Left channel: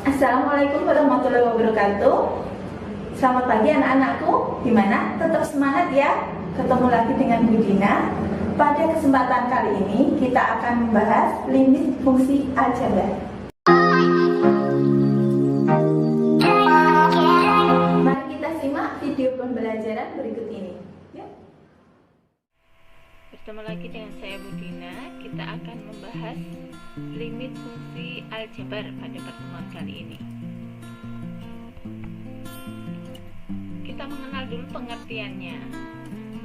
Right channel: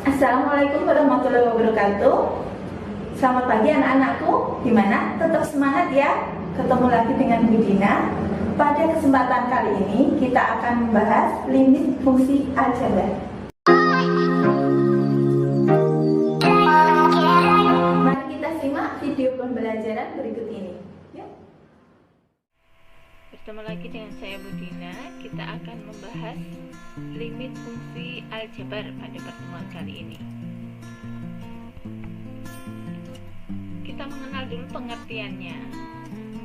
Assalamualaikum warahmatullahi wabarakatuh. Selamat pagi anak-anakku. Gimana? Tetap semangat ya. Ketemu lagi dengan Bu Dina. Pada kesempatan kali ini kita akan membahas limit fungsi aljabar. Mari kita simak video pembelajaran berikut ini. Yuk. Bertemu lagi dengan saya Bu Dina. Kita akan membahas limit fungsi aljabar pada pertemuan kali ini. Kita mengenal dulu pengertiannya.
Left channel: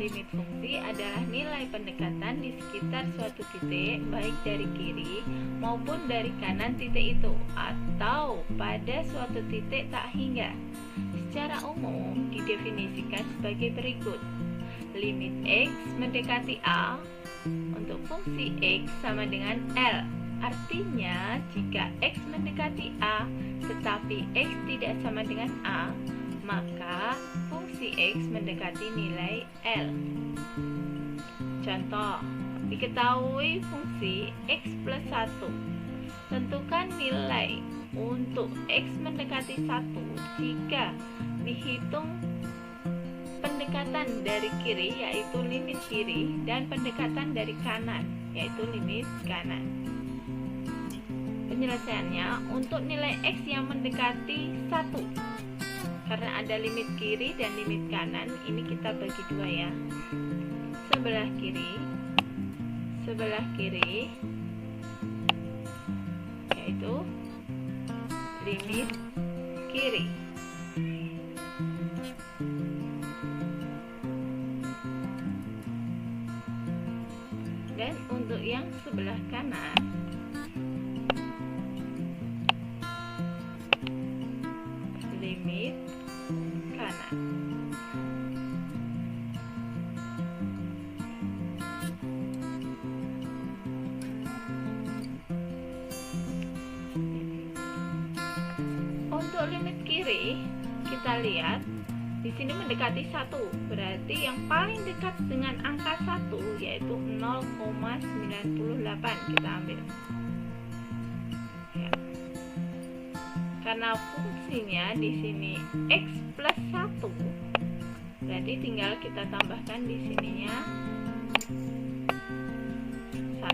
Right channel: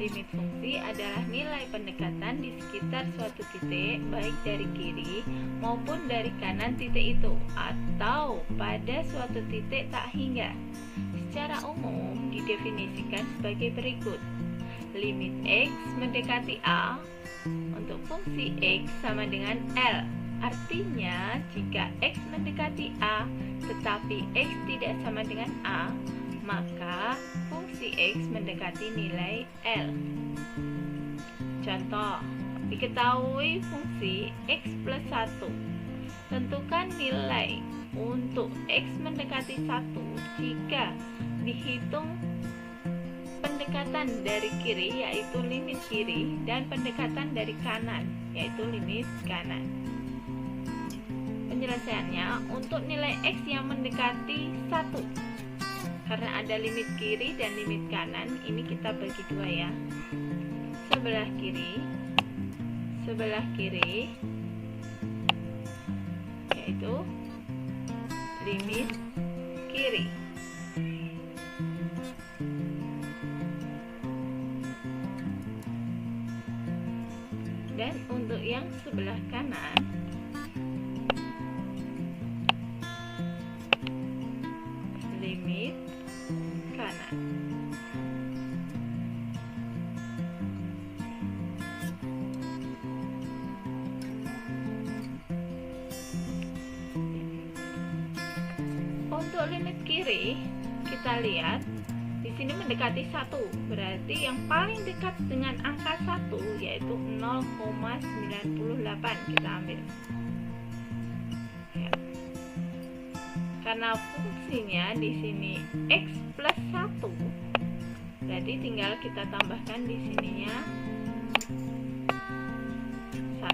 Limit fungsi adalah nilai pendekatan di sekitar suatu titik, baik dari kiri maupun dari kanan titik itu, atau pada suatu titik tak hingga. Secara umum didefinisikan sebagai berikut. Limit X mendekati A untuk fungsi X sama dengan L. Artinya, jika X mendekati A tetapi X tidak sama dengan A, maka fungsi X mendekati nilai L. Contoh, diketahui fungsi X plus 1. Tentukan nilai untuk X mendekati 1 jika dihitung pendekatan dari kiri, yaitu limit kiri, dan pendekatan dari kanan, yaitu limit kanan. Penyelesaiannya, untuk nilai X yang mendekati 1, karena ada limit kiri dan limit kanan, ini kita bagi dua ya. Sebelah kiri yaitu limit kiri. Dan untuk yang sebelah kanan, limit kanan. Untuk limit kiri, kita lihat di sini mendekati 1, berarti yang paling dekat dengan angka 1 yaitu 0,98 kita ambil. Ya. Karena fungsinya di sini X plus 1, berarti tinggal kita tambahkan di sininya 1.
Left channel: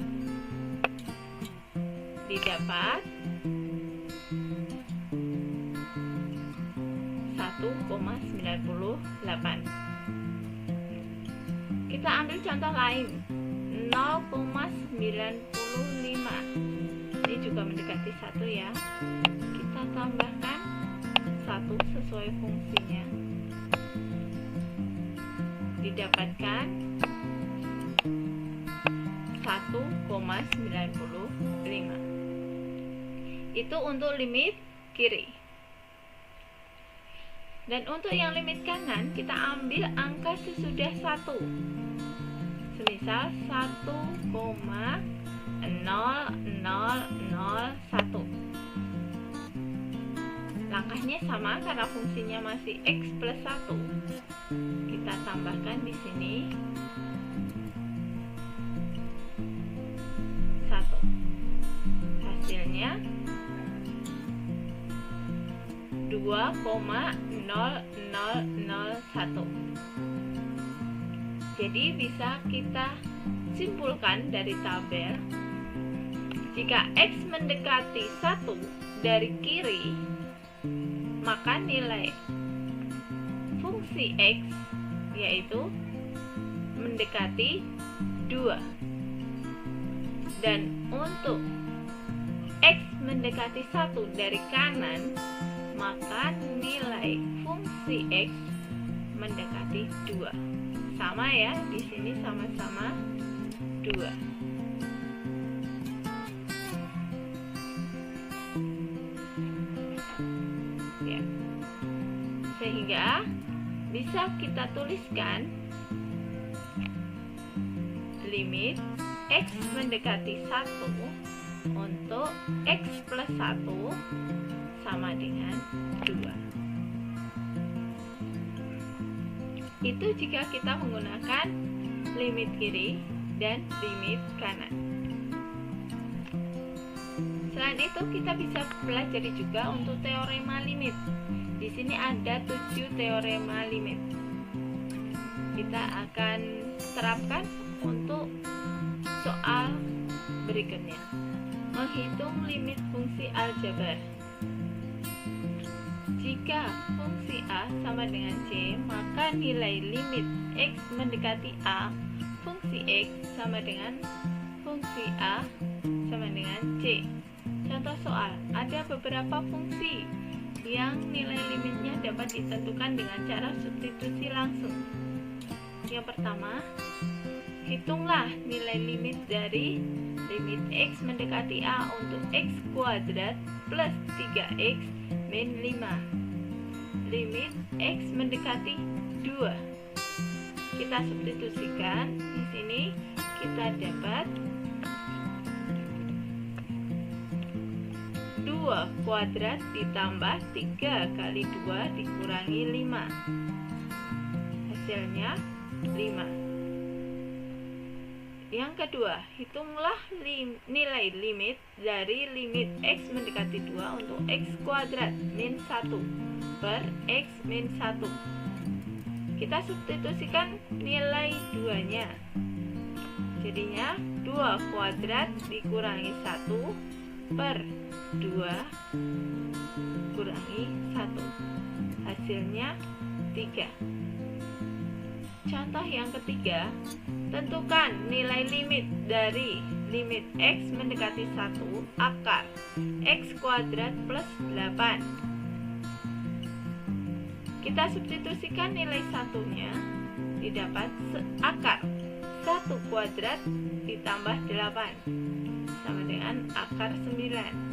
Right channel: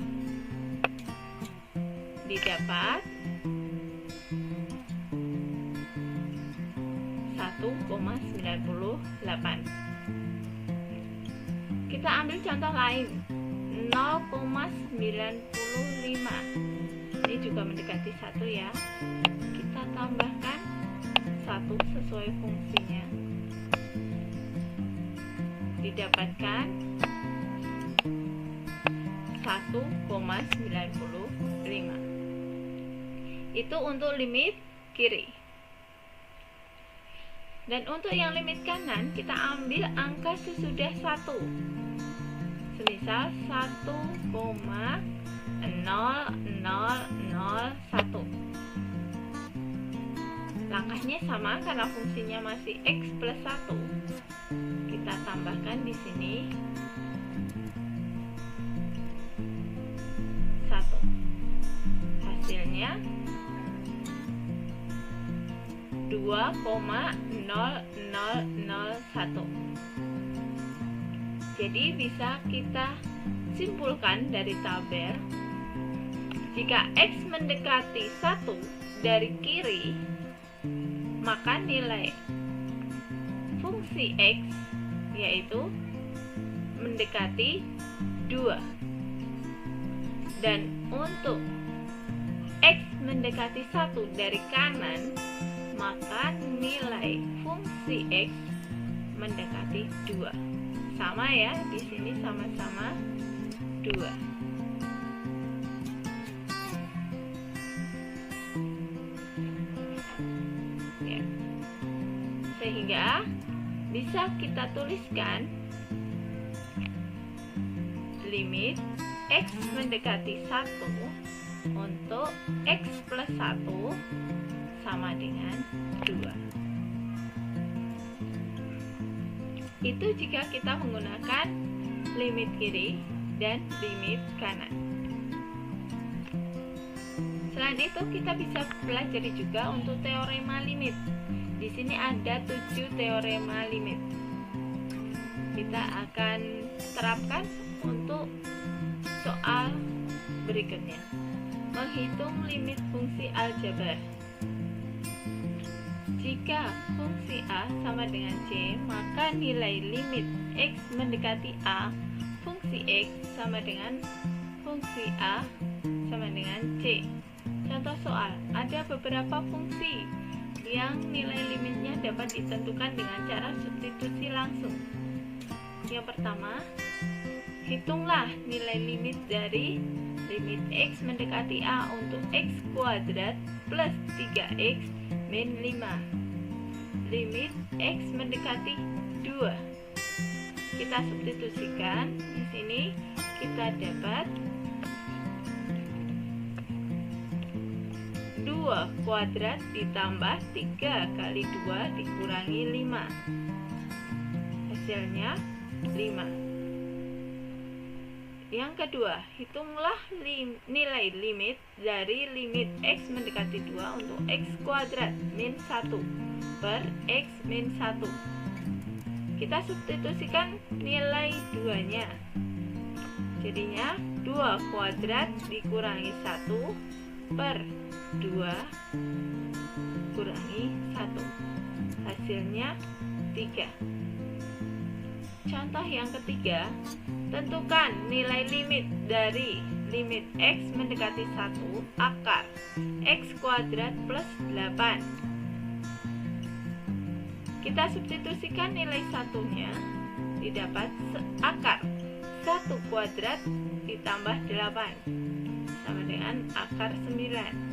Didapat 1,98. Kita ambil contoh lain, 0,95. Ini juga mendekati 1 ya. Kita tambahkan 1 sesuai fungsinya. Didapatkan 1,95. Itu untuk limit kiri. Dan untuk yang limit kanan, kita ambil angka sesudah 1. Semisal 1,0001. Langkahnya sama karena fungsinya masih X plus 1. Kita tambahkan di sini 1. Hasilnya 2,0001. Jadi bisa kita simpulkan dari tabel, jika X mendekati 1 dari kiri, maka nilai fungsi X yaitu mendekati 2. Dan untuk X mendekati 1 dari kanan, maka nilai fungsi X mendekati 2. Sama ya, di sini sama-sama 2. Ya. Sehingga bisa kita tuliskan limit X mendekati 1 untuk X plus 1 sama dengan 2. Itu jika kita menggunakan limit kiri dan limit kanan. Selain itu, kita bisa pelajari juga untuk teorema limit. Di sini ada 7 teorema limit. Kita akan terapkan untuk soal berikutnya. Menghitung limit fungsi aljabar. Jika fungsi A sama dengan C, maka nilai limit X mendekati A fungsi X sama dengan fungsi A sama dengan C. Contoh soal, ada beberapa fungsi yang nilai limitnya dapat ditentukan dengan cara substitusi langsung. Yang pertama, hitunglah nilai limit dari limit X mendekati A untuk X kuadrat plus 3X min 5. Limit X mendekati 2. Kita substitusikan, di sini kita dapat 2 kuadrat ditambah 3 kali 2 dikurangi 5. Hasilnya 5. Yang kedua, hitunglah nilai limit dari limit X mendekati 2 untuk X kuadrat min 1 per X min 1. Kita substitusikan nilai 2-nya. Jadinya 2 kuadrat dikurangi 1 per 2 kurangi 1. Hasilnya 3. Contoh yang ketiga, tentukan nilai limit dari limit X mendekati 1 akar X kuadrat plus 8. Kita substitusikan nilai satunya, didapat akar 1 kuadrat ditambah 8 sama dengan akar 9.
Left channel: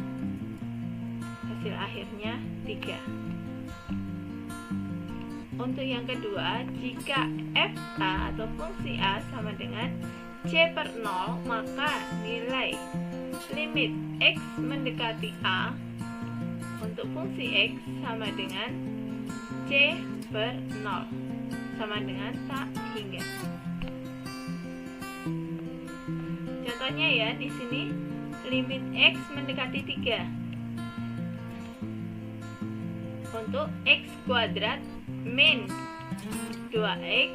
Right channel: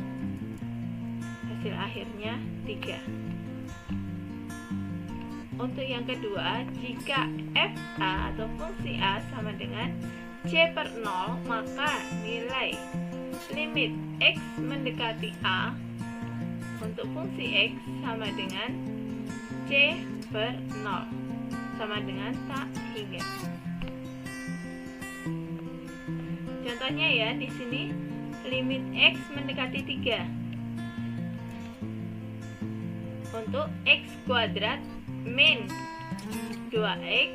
Hasil akhirnya 3. Untuk yang kedua, jika FA atau fungsi A sama dengan C per 0, maka nilai limit X mendekati A untuk fungsi X sama dengan C per 0, sama dengan tak hingga. Contohnya ya, di sini limit X mendekati 3 untuk X kuadrat min 2X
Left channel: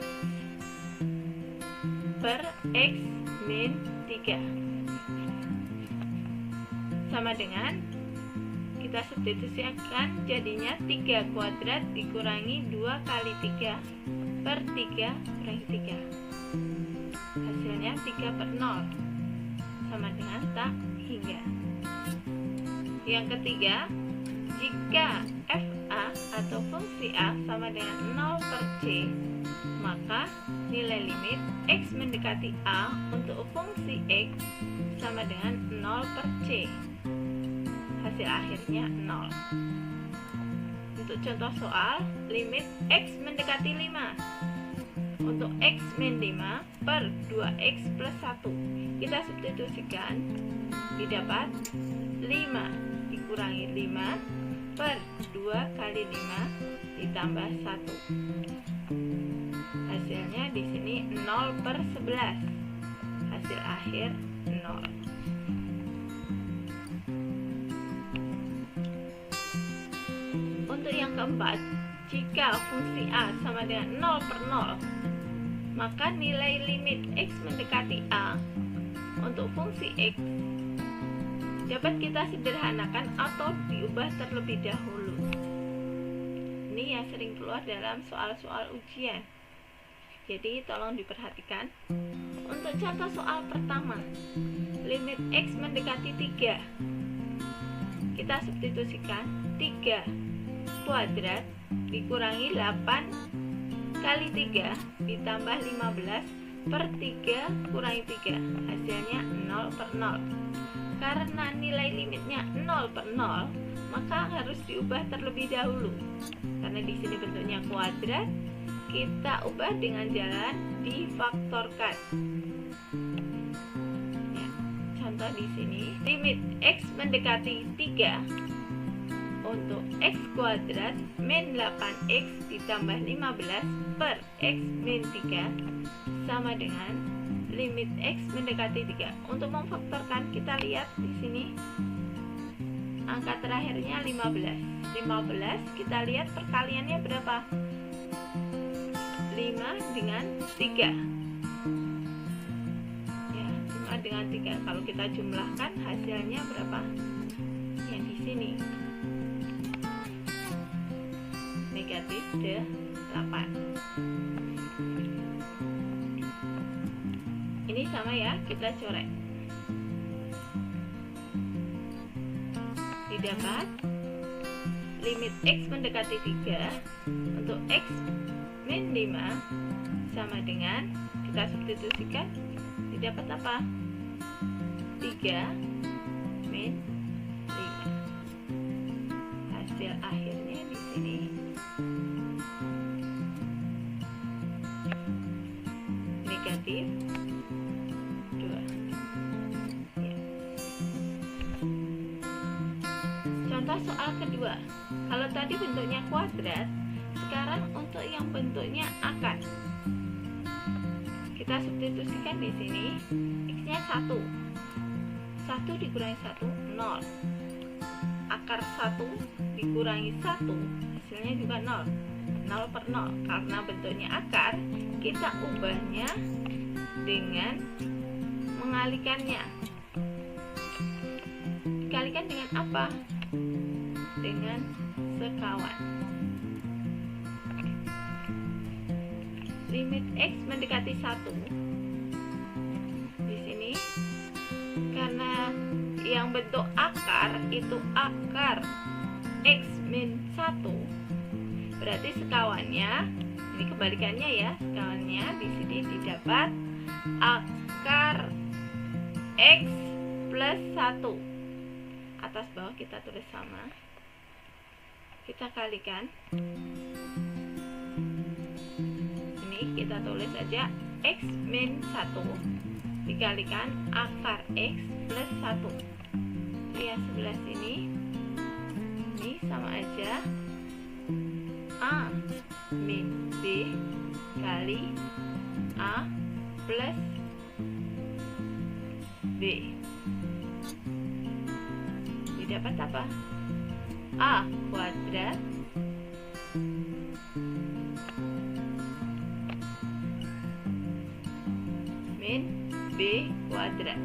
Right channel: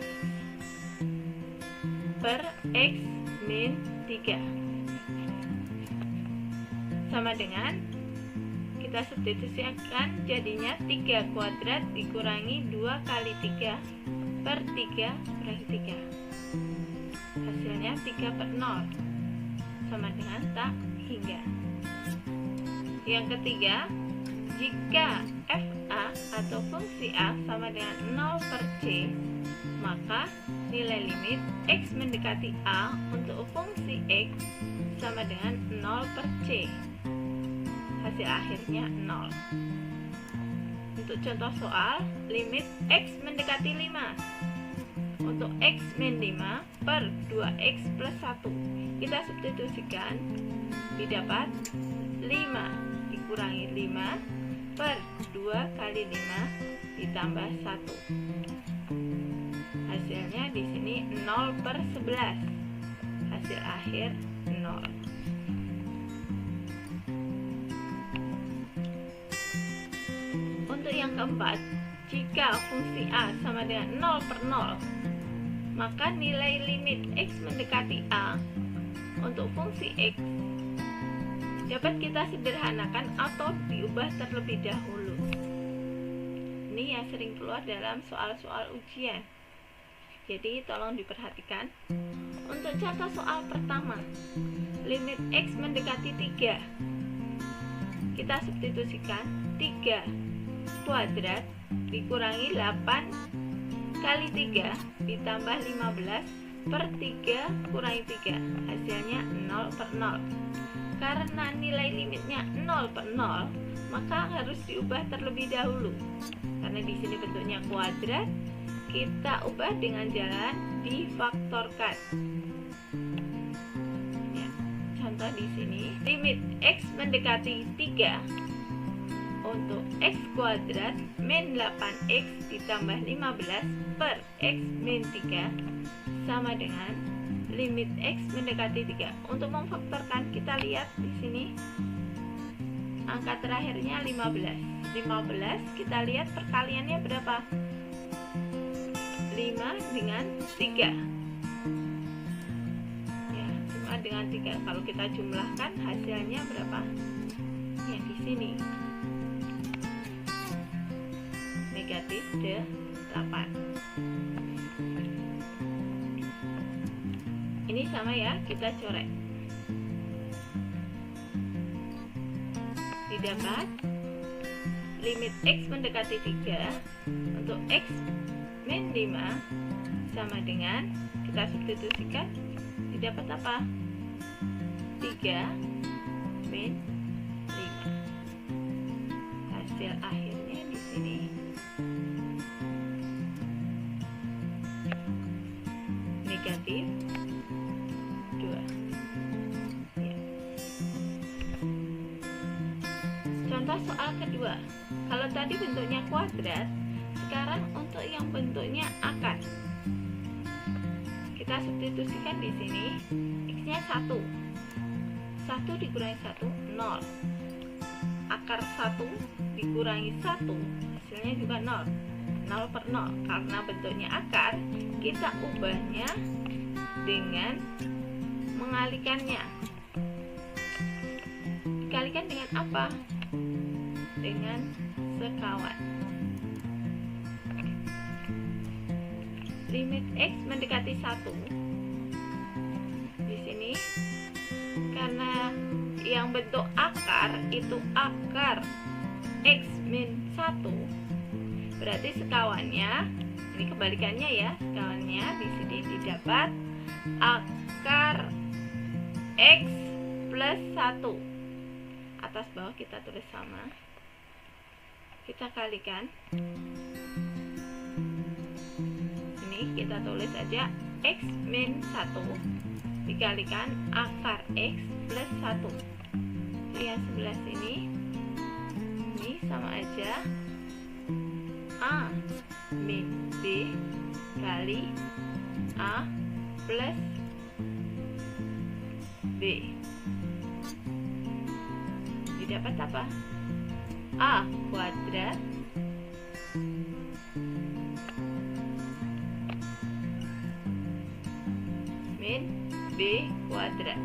per X min 3 sama dengan, kita substitusikan, jadinya 3 kuadrat dikurangi 2 kali 3 per 3 kurangi 3. Hasilnya 3 per 0 sama dengan tak hingga. Yang ketiga, jika FA atau fungsi A sama dengan 0 per C, maka nilai limit X mendekati A untuk fungsi X sama dengan 0 per C. Hasil akhirnya 0. Untuk contoh soal, limit X mendekati 5 untuk X min 5 per 2X plus 1. Kita substitusikan, didapat 5 dikurangi 5 per 2 kali 5 ditambah 1. Hasilnya di sini 0 per 11. Hasil akhir 0. Untuk yang keempat, jika fungsi A sama dengan 0 per 0, maka nilai limit X mendekati A untuk fungsi X dapat kita sederhanakan atau diubah terlebih dahulu. Ini yang sering keluar dalam soal-soal ujian. Jadi tolong diperhatikan. Untuk contoh soal pertama, limit X mendekati 3. Kita substitusikan 3 kuadrat dikurangi 8 kali 3 ditambah 15 per 3 kurangi 3. Hasilnya 0 per 0. Karena nilai limitnya 0 per 0, maka harus diubah terlebih dahulu. Karena di sini bentuknya kuadrat, kita ubah dengan jalan difaktorkan. Ya, contoh di sini, limit X mendekati 3 untuk X kuadrat min 8X ditambah 15 per X min 3 sama dengan limit X mendekati 3. Untuk memfaktorkan, kita lihat di sini angka terakhirnya 15. 15 kita lihat perkaliannya berapa? 5 dengan 3. Ya, 5 dengan 3. Kalau kita jumlahkan hasilnya berapa? Yang di sini. Negatif 8. Ini sama ya, kita coret. Didapat limit X mendekati 3 untuk X min 5 sama dengan, kita substitusikan, didapat apa? 3 min 5. Hasil akhirnya di sini negatif 2. Ya. Contoh soal kedua. Kalau tadi bentuknya kuadrat, sekarang untuk yang bentuknya akar. Kita substitusikan di sini, X-nya 1. 1 dikurangi 1, 0. Akar 1 dikurangi 1, hasilnya juga 0. 0 per 0. Karena bentuknya akar, kita ubahnya dengan mengalikannya. Dikalikan dengan apa? Dengan sekawan. Limit X mendekati 1. Di sini karena yang bentuk akar itu akar X min 1, berarti sekawannya, ini kebalikannya ya, sekawannya di sini didapat akar X plus 1. Atas bawah kita tulis sama. Kita kalikan. Ini kita tulis aja X min 1 dikalikan akar X plus 1. Yang sebelah sini ini sama aja A min B kali A plus B. Didapat apa? A kuadrat min B kuadrat.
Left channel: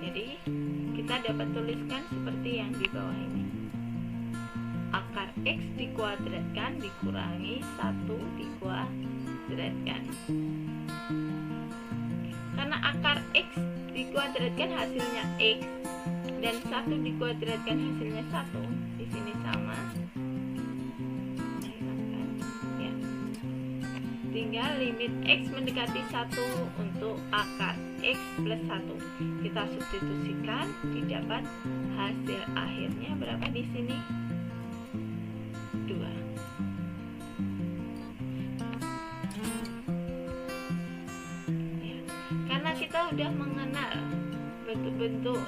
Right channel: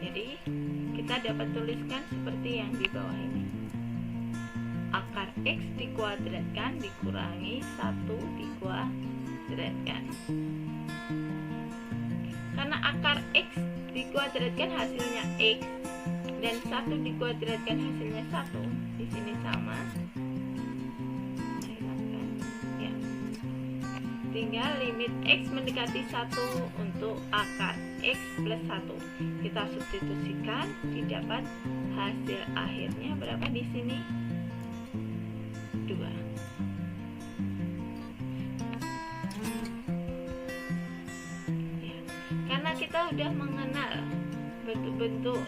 Jadi kita dapat tuliskan seperti yang di bawah ini. Akar X dikuadratkan dikurangi 1 dikuadratkan. Karena akar X dikuadratkan hasilnya X dan 1 dikuadratkan hasilnya 1, di sini sama. Saya hilangkan. Ya. Tinggal limit X mendekati 1 untuk akar X plus 1. Kita substitusikan, didapat hasil akhirnya berapa di sini? 2. Ya. Karena kita udah mengenal bentuk-bentuk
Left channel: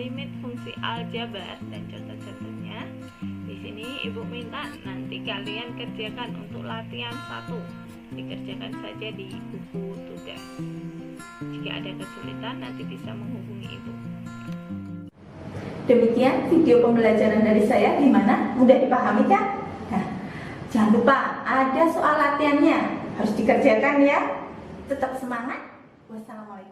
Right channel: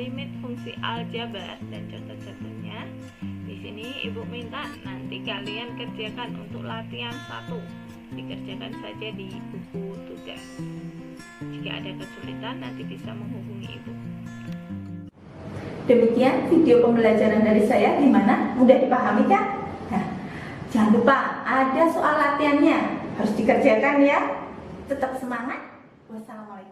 limit fungsi aljabar dan contoh-contohnya, di sini Ibu minta nanti kalian kerjakan untuk latihan 1. Dikerjakan saja di buku tugas. Jika ada kesulitan nanti bisa menghubungi Ibu. Demikian video pembelajaran dari saya, gimana? Mudah dipahami kan? Nah, jangan lupa ada soal latihannya, harus dikerjakan ya. Tetap semangat. Wassalamualaikum.